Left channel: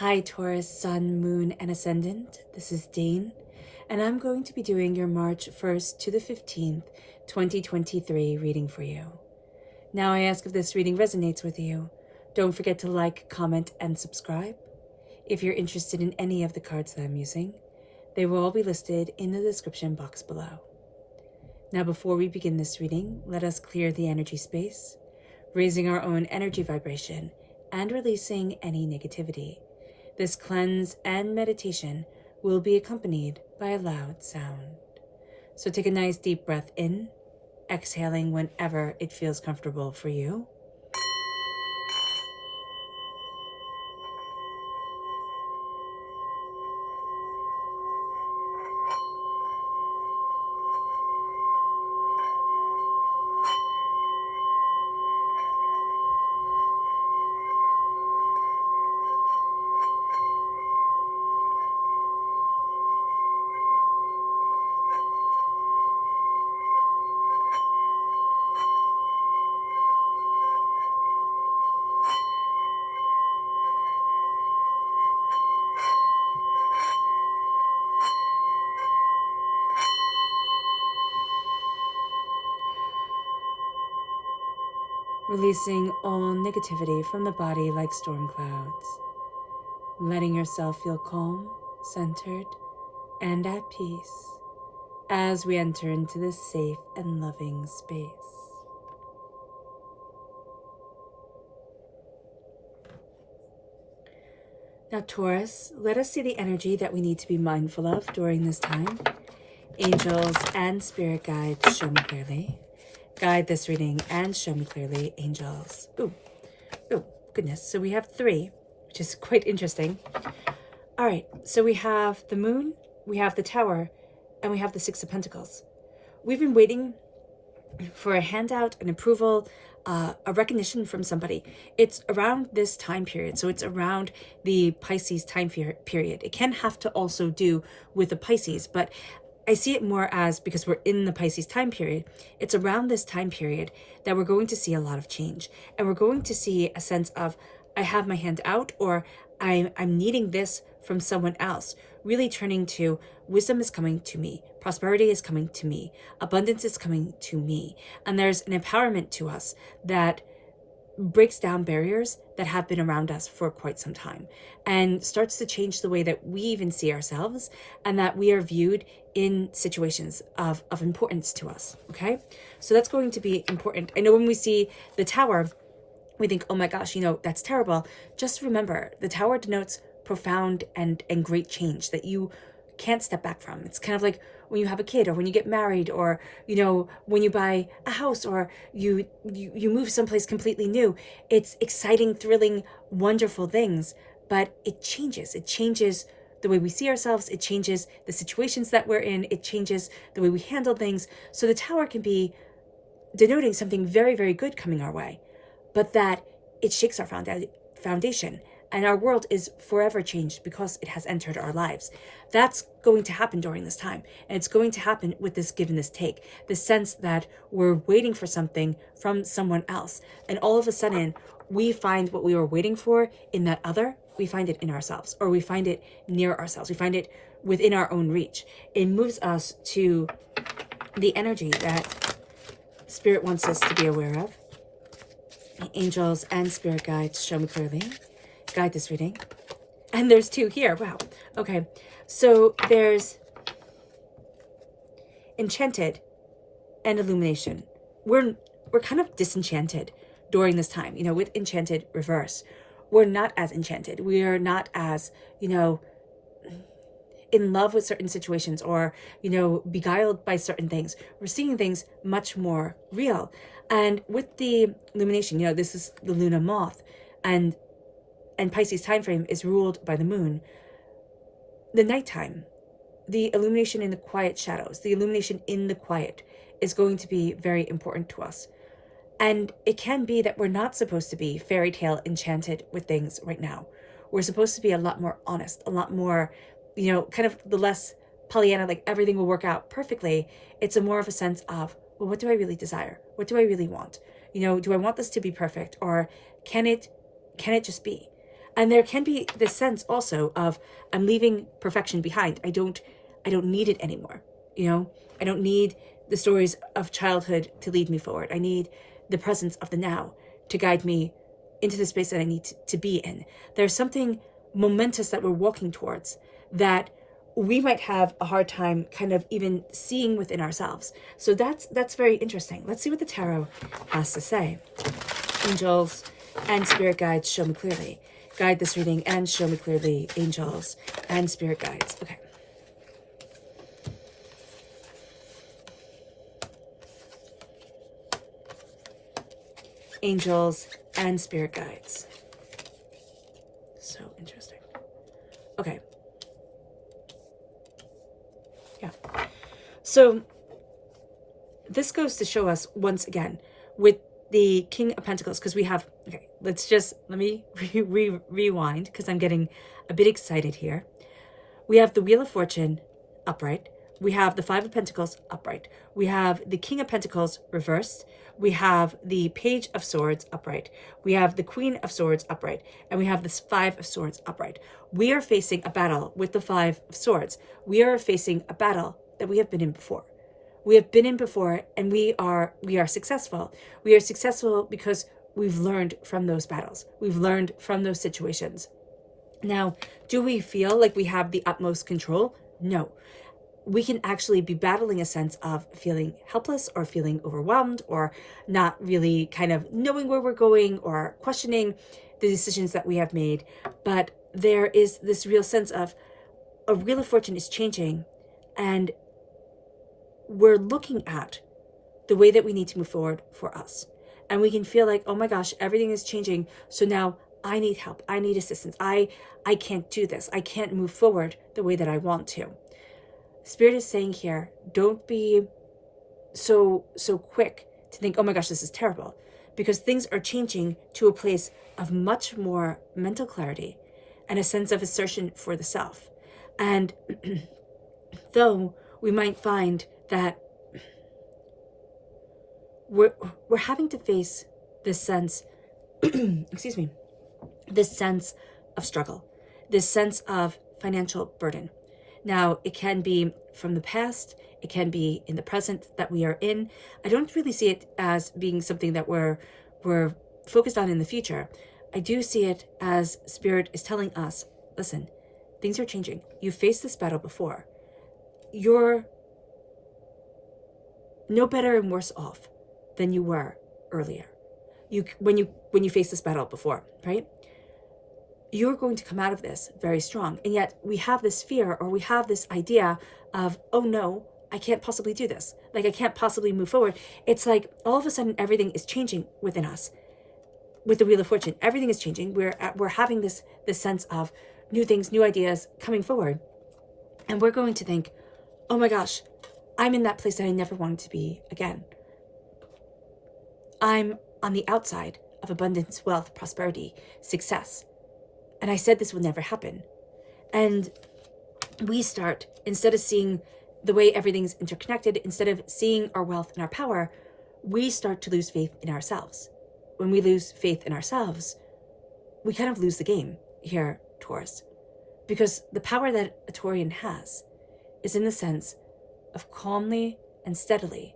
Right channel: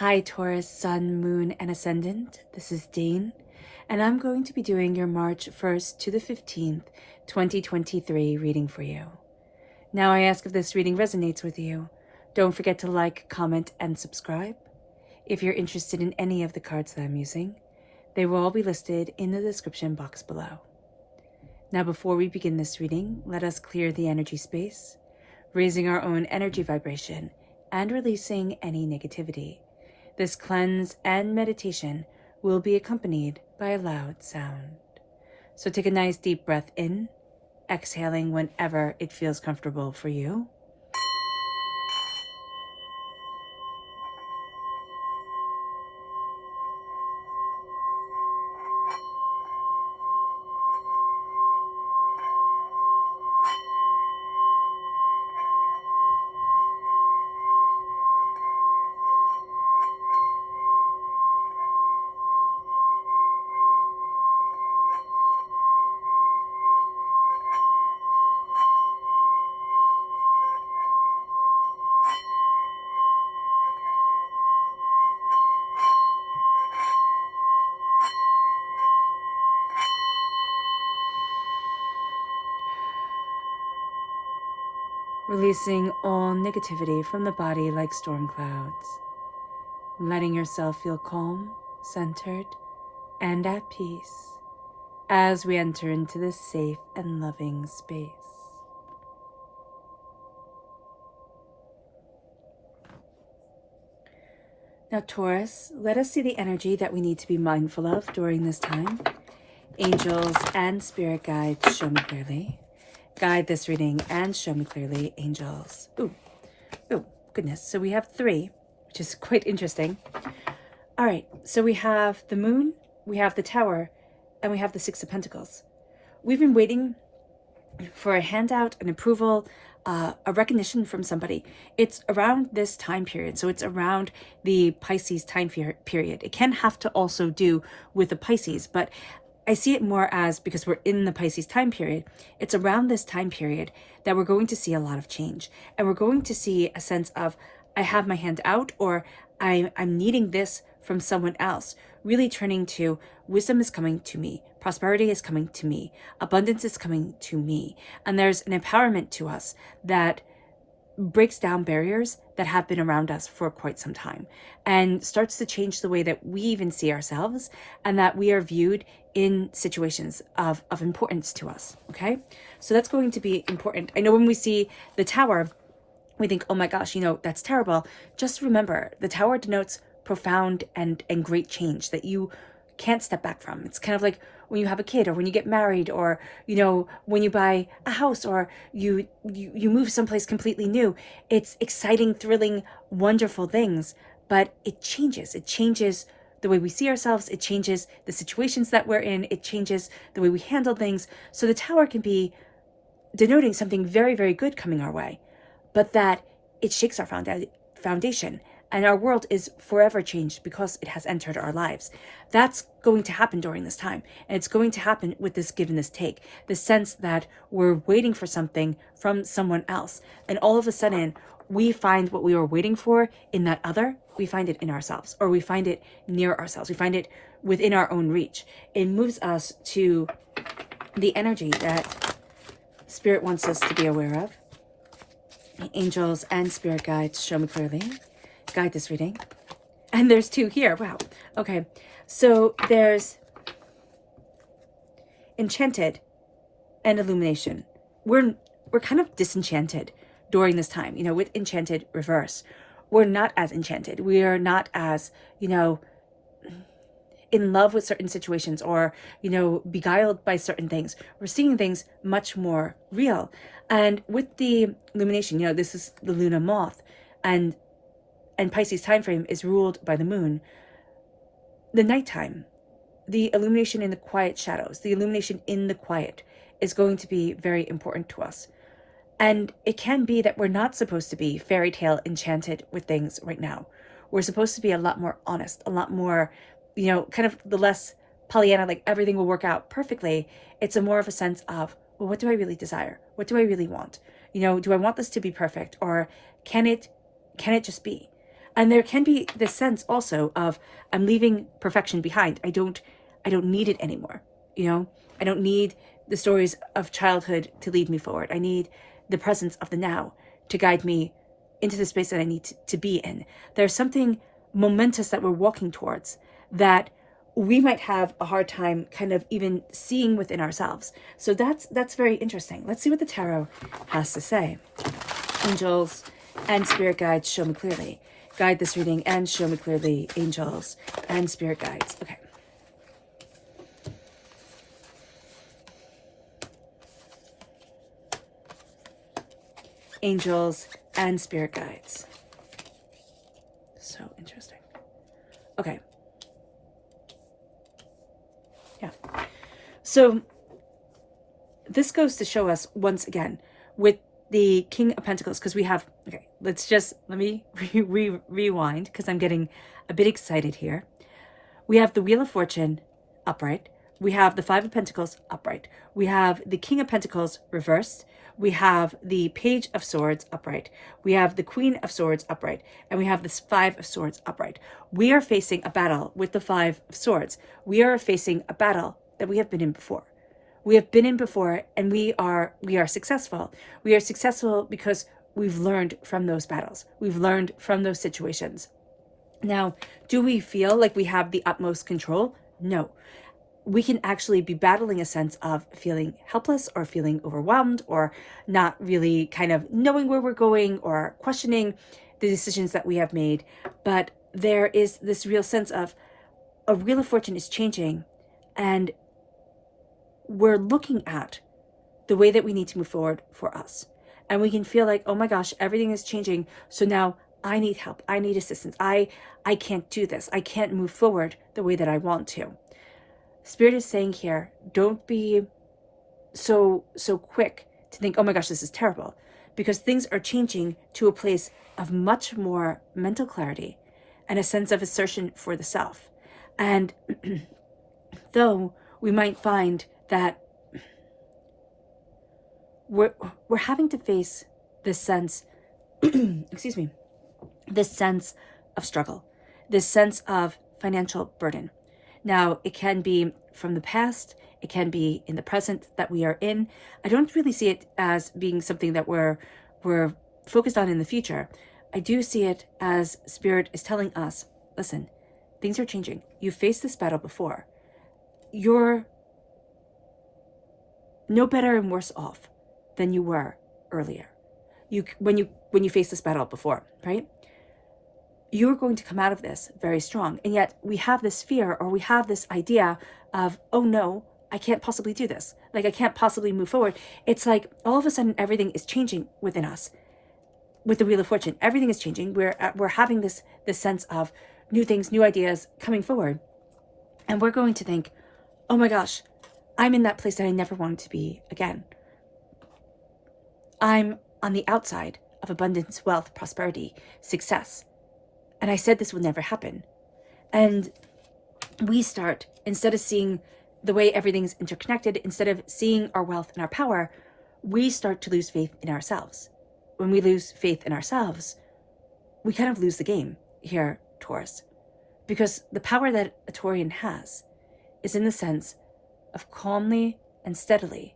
Hi Taurus, Sun, Moon, and Ascendant. This is Dane, and I'm going to be doing your March 1st to the 15th, 2023 reading for you. Now I ask if this reading resonates with you. Don't forget to like, comment, and subscribe. If you're interested in any of the cards that I'm using, they will all be listed in the description box below. Now before we begin this reading, let us clear the energy space, raising our own energy vibration and releasing any negativity. This cleanse and meditation will be accompanied by a loud sound. So take a nice deep breath in, exhaling whenever it feels comfortable for you. Releasing all negativity from the body like storm clouds. Letting yourself feel calm, centered, and at peace as we enter into this safe and loving space. Now, Taurus, let us see the energy that we need to be mindful of during this time. Angels and spirit guides, show me clearly. Guide this reading and show me clearly, angels. Oh, goodness. So we have 3, which is quite interesting. All right, so we have the moon, we have the tower, and we have the 6 of Pentacles. We've been waiting for a handout, an approval, a recognition from somebody. It's around this time period, so it's around the Pisces time period. It can have to also do with the Pisces, but I see it more as, because we're in the Pisces time period, it's around this time period that we're going to see a lot of change. And we're going to see a sense of, I have my hand out, or I'm needing this from someone else. Really turning to, wisdom is coming to me. Prosperity is coming to me. Abundance is coming to me. And there's an empowerment to us that breaks down barriers that have been around us for quite some time and starts to change the way that we even see ourselves and that we are viewed in situations of importance to us. Okay, so that's going to be important. I know when we see the tower, we think, oh my gosh, that's terrible. Just remember, the tower denotes profound and great change that you can't step back from. It's kind of like when you have a kid, or when you get married, or when you buy a house, or you move someplace completely new. It's exciting, thrilling, wonderful things, but it changes the way we see ourselves. It changes the situations that we're in. It changes the way we handle things. So the tower can be denoting something very, very good coming our way, but that it shakes our foundation. And our world is forever changed because it has entered our lives. That's going to happen during this time. And it's going to happen with this give and this take. The sense that we're waiting for something from someone else. And all of a sudden, we find what we were waiting for in that other. We find it in ourselves, or we find it near ourselves. We find it within our own reach. It moves us to the energy that Spirit wants us to be aware of. Angels and spirit guides, show me clearly. Guide this reading. And there's 2 here. Wow. Okay. So there's Enchanted and Illumination. We're kind of disenchanted during this time, with Enchanted reverse. We're not as enchanted. We are not as, in love with certain situations, or, beguiled by certain things. We're seeing things much more real. And with the illumination, this is the Luna moth, and Pisces time frame is ruled by the moon. The nighttime, the illumination in the quiet shadows, the illumination in the quiet is going to be very important to us. And it can be that we're not supposed to be fairy tale enchanted with things right now. We're supposed to be a lot more honest, a lot more, kind of the less Pollyanna, like everything will work out perfectly. It's a more of a sense of, well, what do I really desire? What do I really want? Do I want this to be perfect, or can it just be? And there can be this sense also of, I'm leaving perfection behind. I don't need it anymore. I don't need the stories of childhood to lead me forward. I need the presence of the now to guide me into the space that I need to be in. There's something momentous that we're walking towards that we might have a hard time kind of even seeing within ourselves. So that's very interesting. Let's see what the tarot has to say. Angels and spirit guides, show me clearly. Guide this reading and show me clearly, angels and spirit guides. Okay. Angels and spirit guides. So interesting. Okay. Yeah. So this goes to show us once again with the King of Pentacles, because we have, okay, let me rewind because I'm getting a bit excited here. We have the Wheel of Fortune upright. We have the Five of Pentacles upright. We have the King of Pentacles reversed. We have the Page of Swords upright. We have the Queen of Swords upright. And we have the Five of Swords upright. We are facing a battle with the Five of Swords. We are facing a battle that we have been in before. We have been in before, and we are successful. We are successful because we've learned from those battles. We've learned from those situations. Now, do we feel like we have the utmost control? No. We can actually be battling a sense of feeling helpless or feeling overwhelmed or not really kind of knowing where we're going or questioning the decisions that we have made. But there is this real sense of a Wheel of Fortune is changing, and we're looking at the way that we need to move forward for us. And we can feel like, oh my gosh, everything is changing. So now I need help. I need assistance. I can't do this. I can't move forward the way that I want to. Spirit is saying here, don't be so quick to think, oh my gosh, this is terrible, because things are changing to a place of much more mental clarity and a sense of assertion for the self. And though we might find that we're having to face this sense, excuse me, this sense of struggle, this sense of financial burden. Now, it can be from the past, it can be in the present that we are in. I don't really see it as being something that we're focused on in the future. I do see it as Spirit is telling us, listen, things are changing. You faced this battle before. You're no better and worse off than you were earlier. When you faced this battle before, right? You're going to come out of this very strong. And yet we have this fear, or we have this idea of, oh no, I can't possibly do this. Like, I can't possibly move forward. It's like all of a sudden everything is changing within us. With the Wheel of Fortune, everything is changing. We're having this sense of new things, new ideas coming forward. And we're going to think, oh my gosh, I'm in that place that I never wanted to be again. I'm on the outside of abundance, wealth, prosperity, success. And I said this will never happen. And we start, instead of seeing the way everything's interconnected, instead of seeing our wealth and our power, we start to lose faith in ourselves. When we lose faith in ourselves, we kind of lose the game here, Taurus. Because the power that a Taurian has is in the sense of calmly and steadily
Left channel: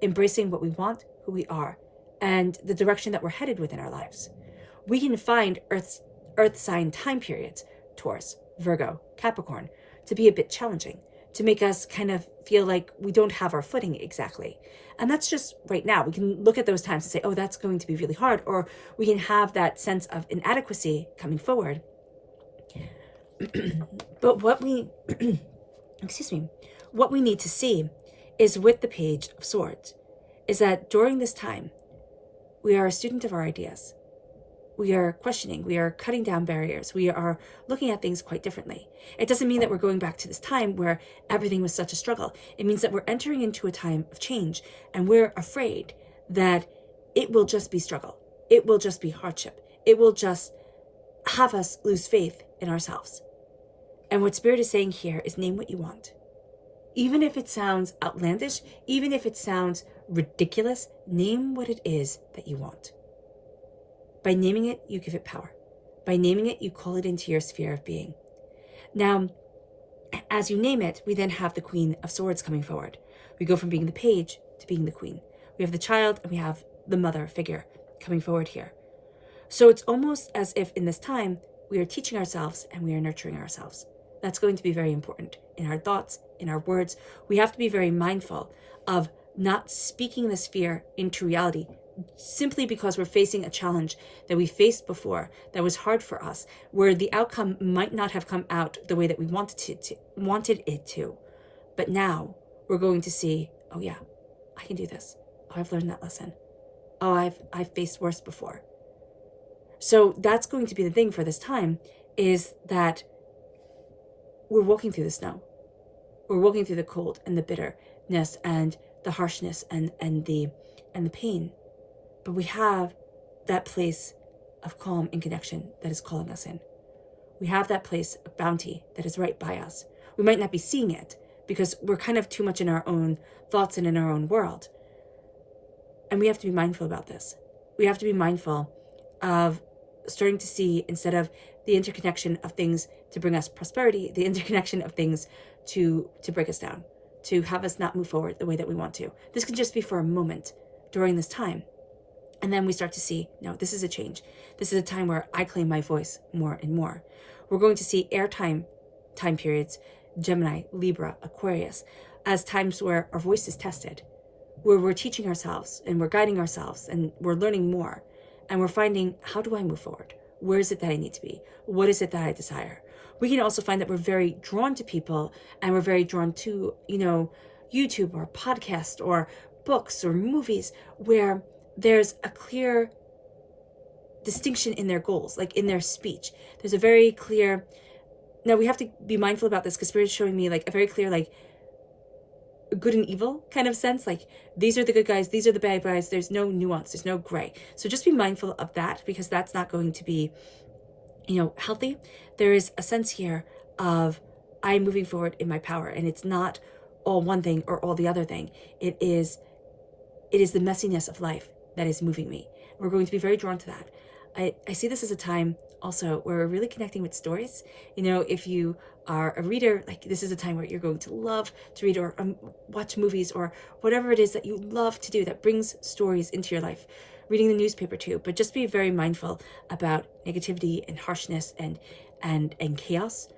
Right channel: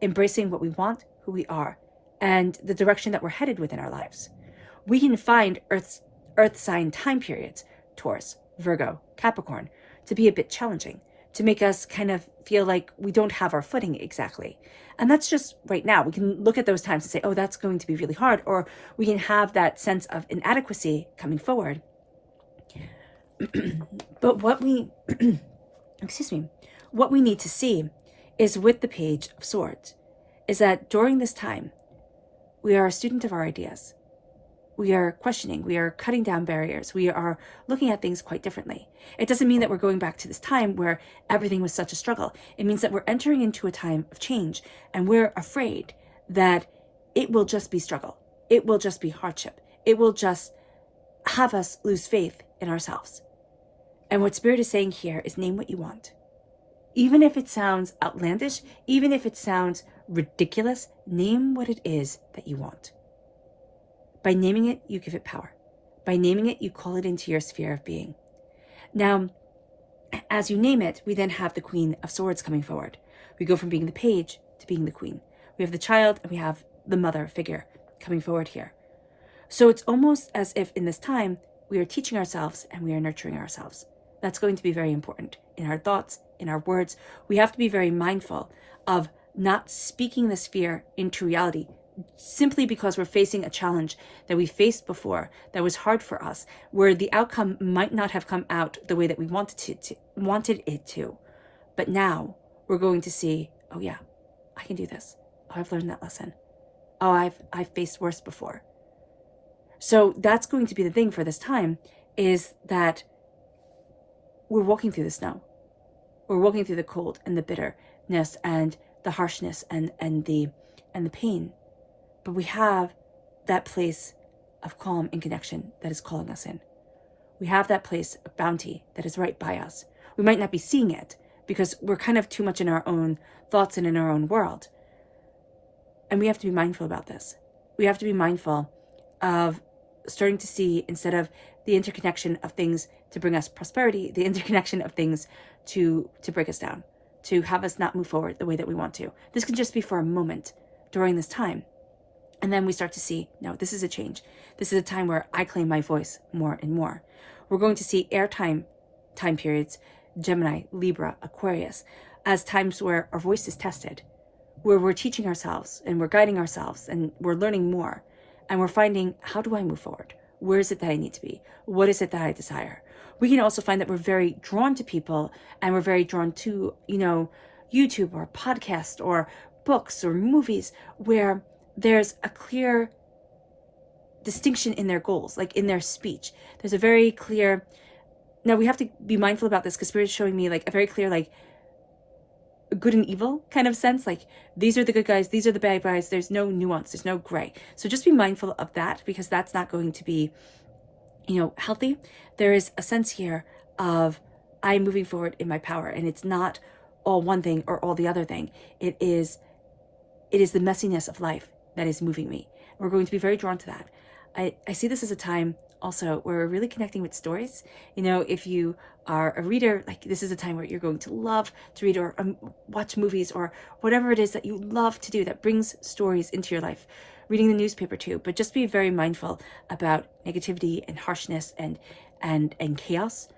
embracing what we want, who we are, and the direction that we're headed within our lives. We can find Earth sign time periods, Taurus, Virgo, Capricorn, to be a bit challenging, to make us kind of feel like we don't have our footing exactly. And that's just right now. We can look at those times and say, oh, that's going to be really hard. Or we can have that sense of inadequacy coming forward. But what we, what we need to see is with the Page of Swords, is that during this time, we are a student of our ideas. We are questioning, we are cutting down barriers, we are looking at things quite differently. It doesn't mean that we're going back to this time where everything was such a struggle. It means that we're entering into a time of change, and we're afraid that it will just be struggle. It will just be hardship. It will just have us lose faith in ourselves. And what Spirit is saying here is name what you want. Even if it sounds outlandish, even if it sounds ridiculous, name what it is that you want. By naming it, you give it power. By naming it, you call it into your sphere of being. Now, as you name it, we then have the Queen of Swords coming forward. We go from being the page to being the queen. We have the child and we have the mother figure coming forward here. So it's almost as if in this time, we are teaching ourselves and we are nurturing ourselves. That's going to be very important in our thoughts, in our words. We have to be very mindful of not speaking this fear into reality simply because we're facing a challenge that we faced before that was hard for us, where the outcome might not have come out the way that we wanted it to. But now we're going to see, oh yeah, I can do this. Oh, I've learned that lesson. Oh, I've faced worse before. So that's going to be the thing for this time, is that we're walking through the snow. We're walking through the cold and the bitterness and the harshness and the pain. But we have that place of calm and connection that is calling us in. We have that place of bounty that is right by us. We might not be seeing it because we're kind of too much in our own thoughts and in our own world. And we have to be mindful about this. We have to be mindful of starting to see, instead of the interconnection of things to bring us prosperity, the interconnection of things to break us down, to have us not move forward the way that we want to. This could just be for a moment during this time. And then we start to see, no, this is a change. This is a time where I claim my voice more and more. We're going to see time periods, Gemini, Libra, Aquarius, as times where our voice is tested, where we're teaching ourselves and we're guiding ourselves and we're learning more. And we're finding, how do I move forward? Where is it that I need to be? What is it that I desire? We can also find that we're very drawn to people and we're very drawn to, YouTube or podcast or books or movies where there's a clear distinction in their goals, like in their speech. There's a very clear, now we have to be mindful about this because Spirit is showing me like a very clear, like good and evil kind of sense. Like these are the good guys, these are the bad guys. There's no nuance, there's no gray. So just be mindful of that because that's not going to be, healthy. There is a sense here of I'm moving forward in my power, and it's not all one thing or all the other thing. It is the messiness of life that is moving me. We're going to be very drawn to that. I see this as a time also where we're really connecting with stories. If you are a reader, like this is a time where you're going to love to read or watch movies or whatever it is that you love to do that brings stories into your life. Reading the newspaper too, but just be very mindful about negativity and harshness and chaos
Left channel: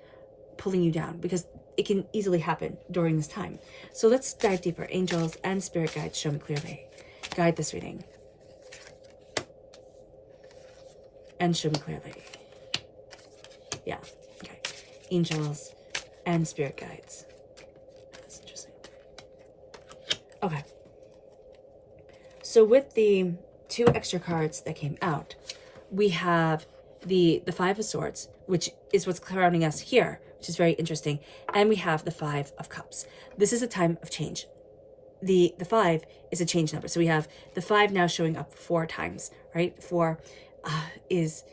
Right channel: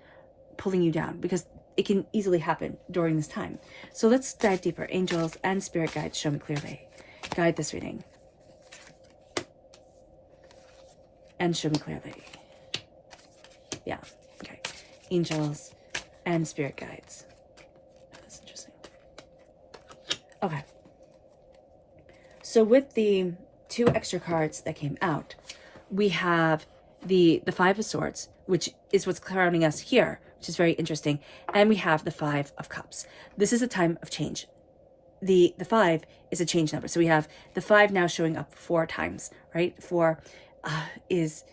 pulling you down, because it can easily happen during this time. So let's dive deeper. Angels and spirit guides, show me clearly. Guide this reading. And show me clearly. Yeah, okay. Angels and spirit guides. That's interesting. Okay. So with the 2 extra cards that came out, we have the Five of Swords, which is what's crowning us here, which is very interesting. And we have the 5 of Cups. This is a time of change. The 5 is a change number. So we have the 5 now showing up 4 times, right? 4 is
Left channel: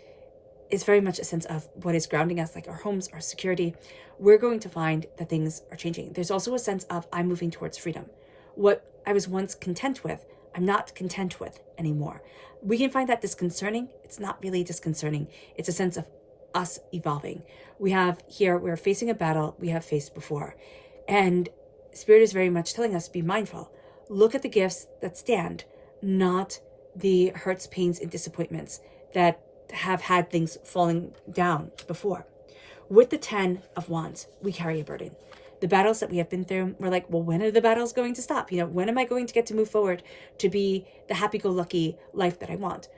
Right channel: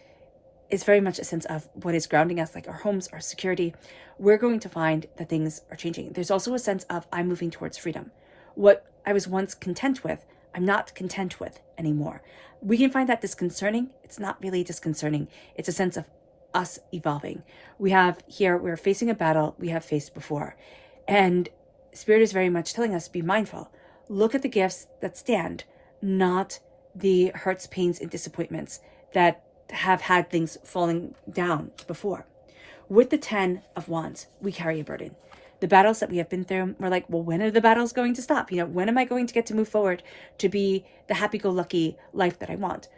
very much a sense of what is grounding us, like our homes, our security. We're going to find that things are changing. There's also a sense of I'm moving towards freedom. What I was once content with, I'm not content with anymore. We can find that disconcerting. It's not really disconcerting. It's a sense of us evolving. We have here, we're facing a battle we have faced before. And Spirit is very much telling us, be mindful. Look at the gifts that stand, not the hurts, pains, and disappointments that have had things falling down before. With the 10 of Wands, we carry a burden. The battles that we have been through, we're like, well, when are the battles going to stop? When am I going to get to move forward to be the happy-go-lucky life that I want?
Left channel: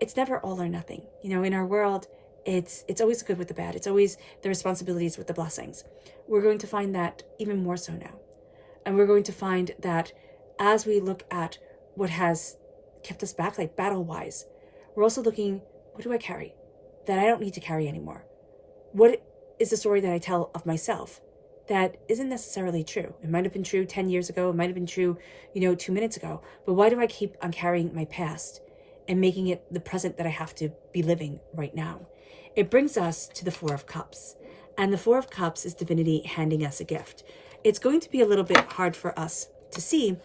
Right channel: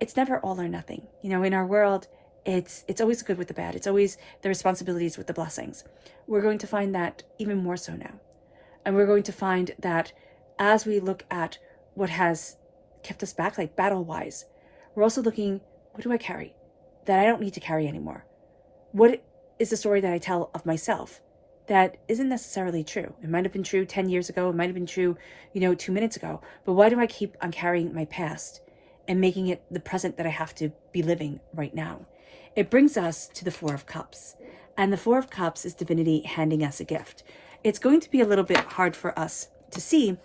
It's never all or nothing. In our world, it's always good with the bad. It's always the responsibilities with the blessings. We're going to find that even more so now. And we're going to find that as we look at what has kept us back, like battle-wise, we're also looking, what do I carry that I don't need to carry anymore? What is the story that I tell of myself that isn't necessarily true? It might have been true 10 years ago. It might have been true, 2 minutes ago. But why do I keep on carrying my past and making it the present that I have to be living right now? It brings us to the 4 of Cups. And the 4 of Cups is divinity handing us a gift. It's going to be a little bit hard for us to see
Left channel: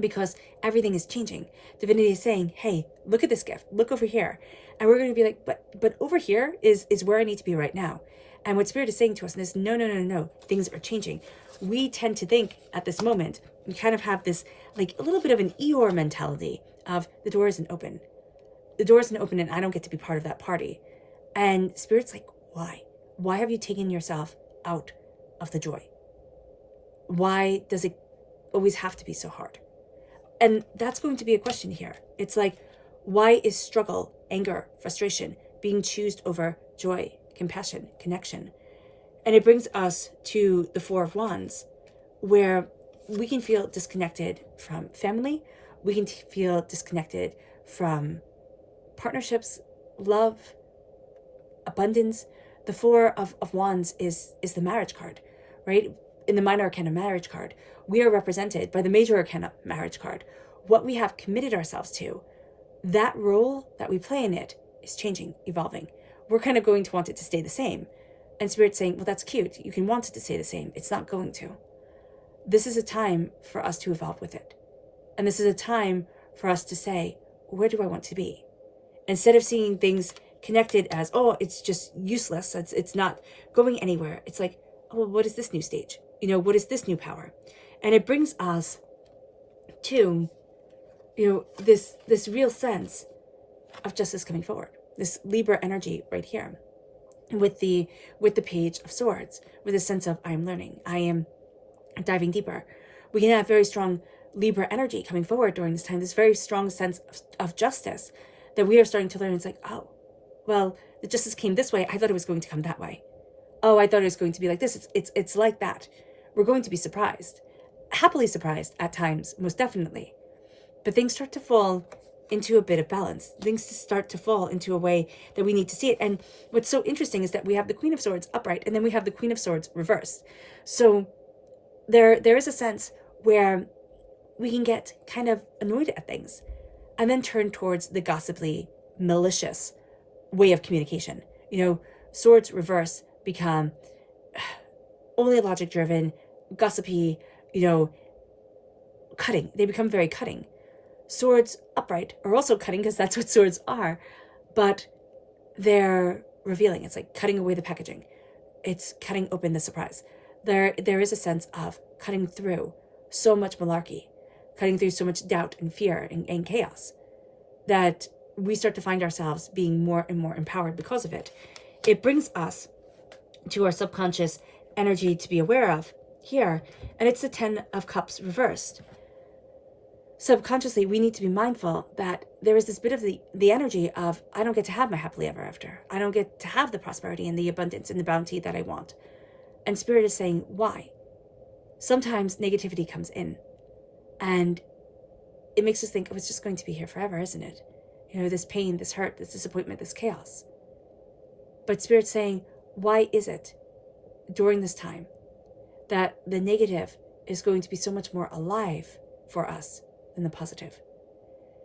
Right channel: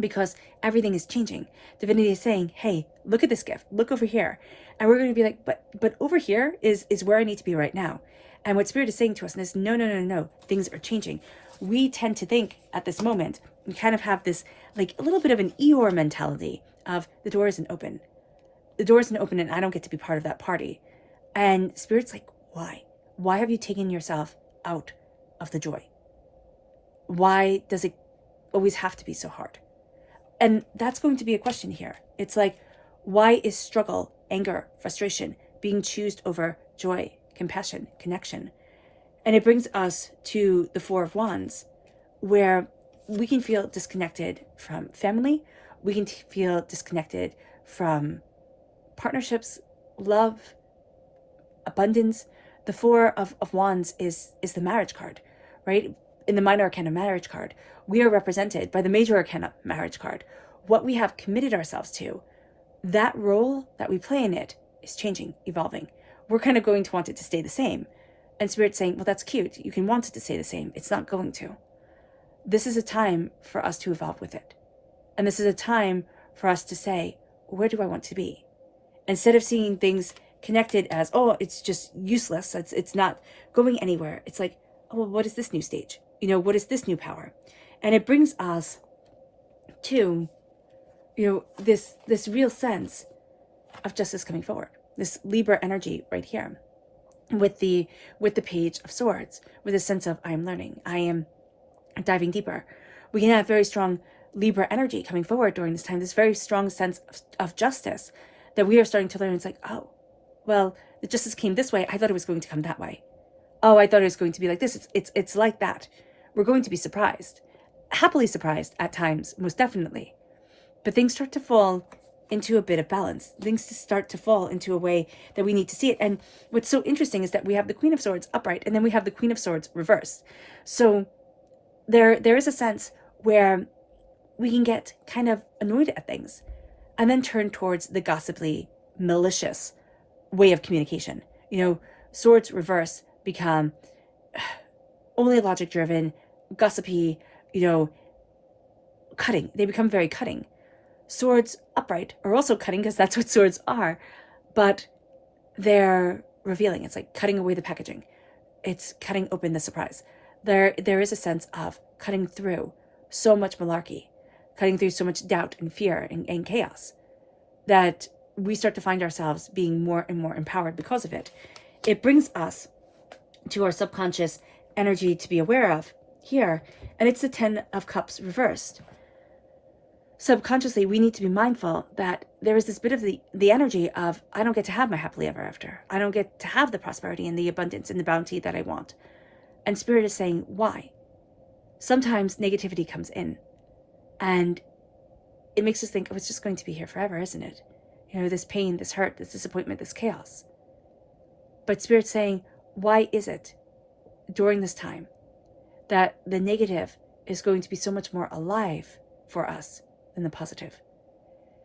because everything is changing. Divinity is saying, hey, look at this gift. Look over here. And we're going to be like, but over here is where I need to be right now. And what Spirit is saying to us is, no, things are changing. We tend to think at this moment, we kind of have this, like a little bit of an Eeyore mentality of the door isn't open. The door isn't open and I don't get to be part of that party. And Spirit's like, why? Why have you taken yourself out of the joy? Why does it always have to be so hard? And that's going to be a question here. It's like, why is struggle, anger, frustration being chosen over joy, compassion, connection? And it brings us to the Four of Wands, where we can feel disconnected from family. We can feel disconnected from partnerships, love, abundance. The Four of Wands is the marriage card, right? In the minor arcana marriage card, we are represented by the major arcana marriage card. What we have committed ourselves to, that role that we play in it is changing, evolving. We're kind of going to want it to stay the same. And Spirit's saying, well, that's cute. You can want it to stay the same. It's not going to. This is a time for us to evolve with it. And this is a time for us to say, where do I want to be? Instead of seeing things connected as, oh, it's just useless. It's not going anywhere. It's like, oh, well, what is this new stage? What is this new power? And it brings us to, this real sense of justice coming forward. This Libra energy right here with the Page of Swords, with a sense of I am learning, I am diving deeper. We can have very strong Libra energy coming forward during this time, this very strong sense of justice that we are starting to learn. It's like, oh, well, the justice came this way. I thought it was going to come that way. Oh, I thought it was going to be like this. It's like that. We're going to be surprised, happily surprised at times, most definitely. But things start to fall into a bit of balance. Things start to fall into a way that we need to see it. And what's so interesting is that we have the Queen of Swords upright, and then we have the Queen of Swords reversed. So there is a sense where we can get kind of annoyed at things and then turn towards the gossipy, malicious way of communication. Swords reverse become only logic driven, gossipy, cutting. They become very cutting. Swords upright are also cutting because that's what swords are, but they're revealing. It's like cutting away the packaging. It's cutting open the surprise. There is a sense of cutting through so much malarkey, cutting through so much doubt and fear and chaos, that we start to find ourselves being more and more empowered because of it. It brings us to our subconscious energy to be aware of here, and it's the 10 of Cups reversed. Subconsciously, we need to be mindful that there is this bit of the energy of, I don't get to have my happily ever after. I don't get to have the prosperity and the abundance and the bounty that I want. And Spirit is saying, why? Sometimes negativity comes in and it makes us think, oh, it's just going to be here forever, isn't it? This pain, this hurt, this disappointment, this chaos. But Spirit's saying, why is it during this time that the negative is going to be so much more alive for us than the positive?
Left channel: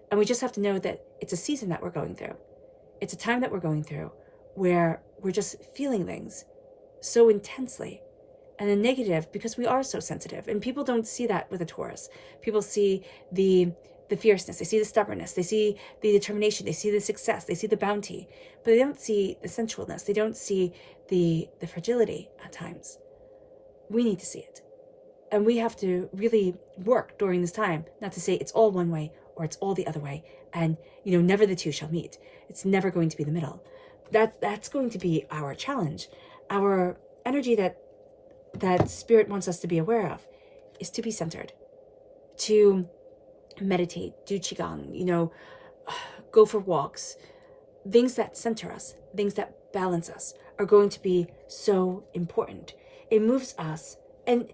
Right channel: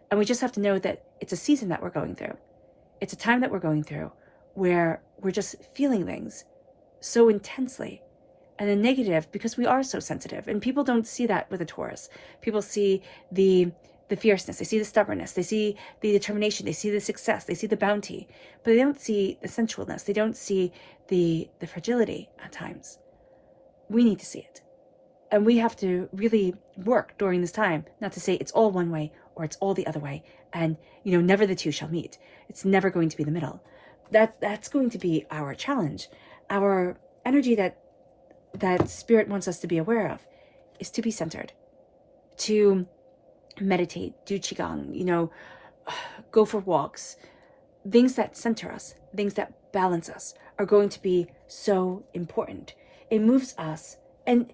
And we just have to know that it's a season that we're going through. It's a time that we're going through where we're just feeling things so intensely. And the negative, because we are so sensitive, and people don't see that with a Taurus. People see the fierceness, they see the stubbornness, they see the determination, they see the success, they see the bounty, but they don't see the sensualness, they don't see the fragility at times. We need to see it. And we have to really work during this time, not to say it's all one way or it's all the other way, and never the two shall meet. It's never going to be the middle. That's going to be our challenge. Our energy that Spirit wants us to be aware of is to be centered, to meditate, do qigong, go for walks. Things that center us, things that balance us are going to be so important. It moves us. And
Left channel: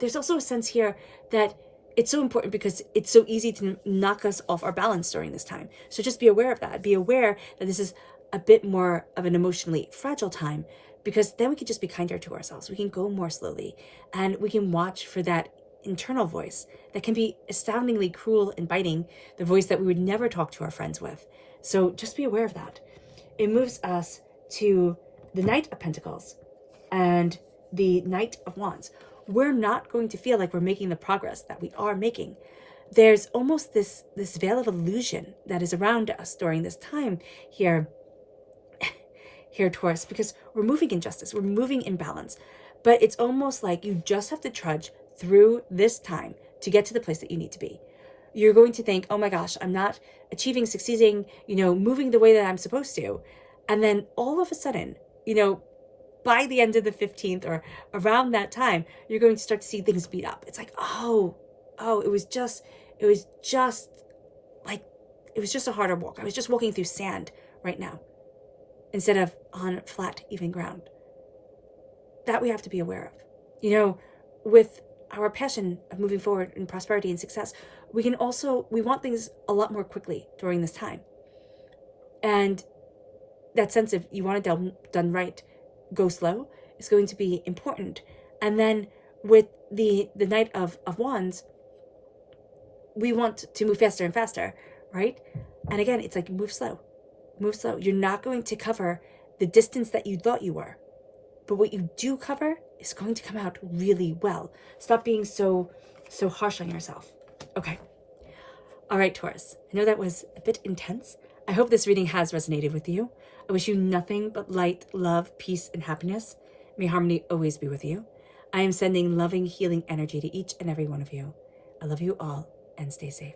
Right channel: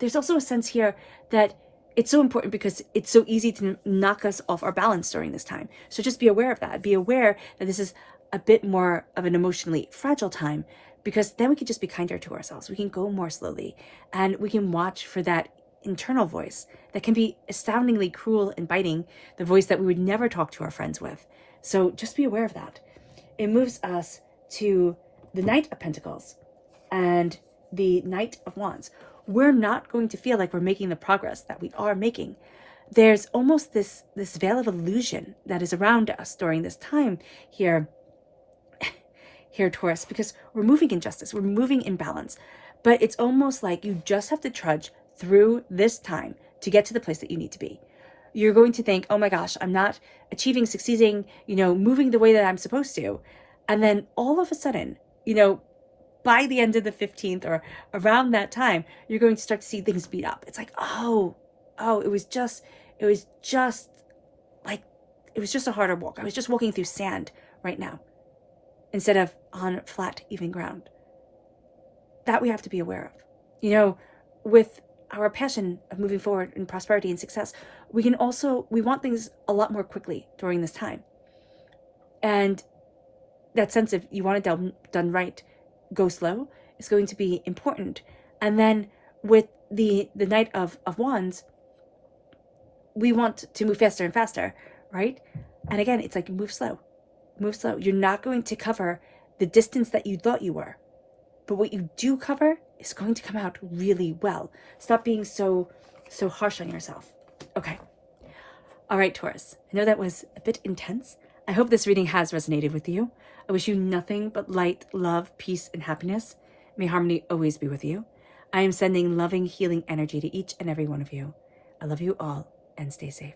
there's also a sense here that it's so important because it's so easy to knock us off our balance during this time. So just be aware of that. Be aware that this is a bit more of an emotionally fragile time, because then we can just be kinder to ourselves. We can go more slowly, and we can watch for that internal voice that can be astoundingly cruel and biting, the voice that we would never talk to our friends with. So just be aware of that. It moves us to the Knight of Pentacles and the Knight of Wands. We're not going to feel like we're making the progress that we are making. there's almost this veil of illusion that is around us during this time here, Taurus, because we're moving in justice, we're moving in balance. But it's almost like you just have to trudge through this time to get to the place that you need to be. You're going to think, oh my gosh, I'm not achieving, succeeding, moving the way that I'm supposed to. And then all of a sudden, by the end of the 15th or around that time, you're going to start to see things speed up. It's like, it was just a harder walk. I was just walking through sand right now instead of on flat, even ground. That we have to be aware of. With our passion of moving forward in prosperity and success, we want things a lot more quickly during this time. And that sense of you want it done right, go slow, is going to be important. And then with the Knight of Wands, we want to move faster and faster, right? And again, it's like move slow. You're not going to cover the distance that you thought you were. But what you do cover is going to come out really well. Stop being so harsh on yourself. Okay. All right, Taurus. I know that was a bit intense. I hope this reading has resonated with you. I wish you nothing but light, love, peace, and happiness. May harmony always be with you. I am sending loving, healing energy to each and every one of you. I love you all, and stay safe.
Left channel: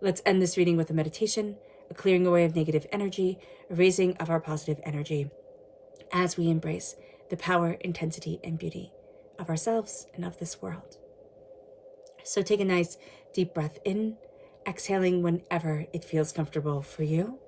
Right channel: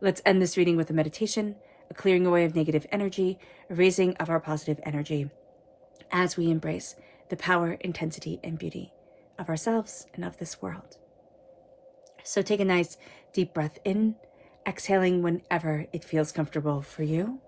Let's end this reading with a meditation, a clearing away of negative energy, a raising of our positive energy as we embrace the power, intensity, and beauty of ourselves and of this world. So take a nice deep breath in, exhaling whenever it feels comfortable for you.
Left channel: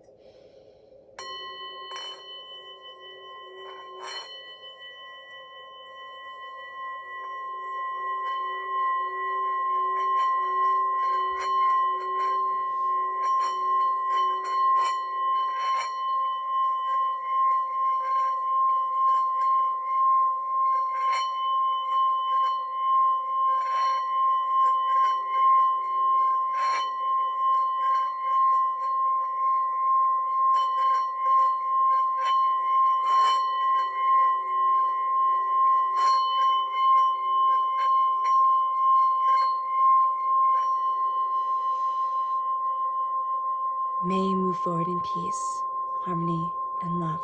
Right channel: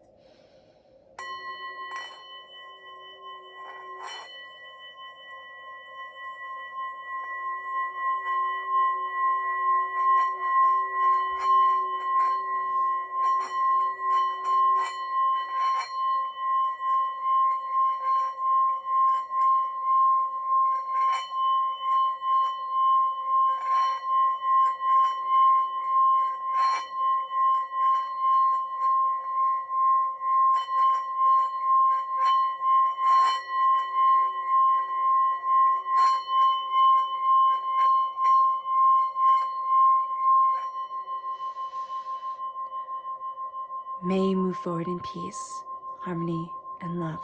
May you move forward in peace, harmony, and love,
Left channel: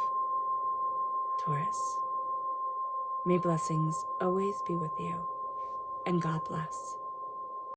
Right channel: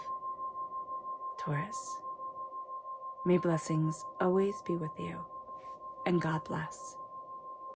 Taurus. May blessings always be with you, and God bless.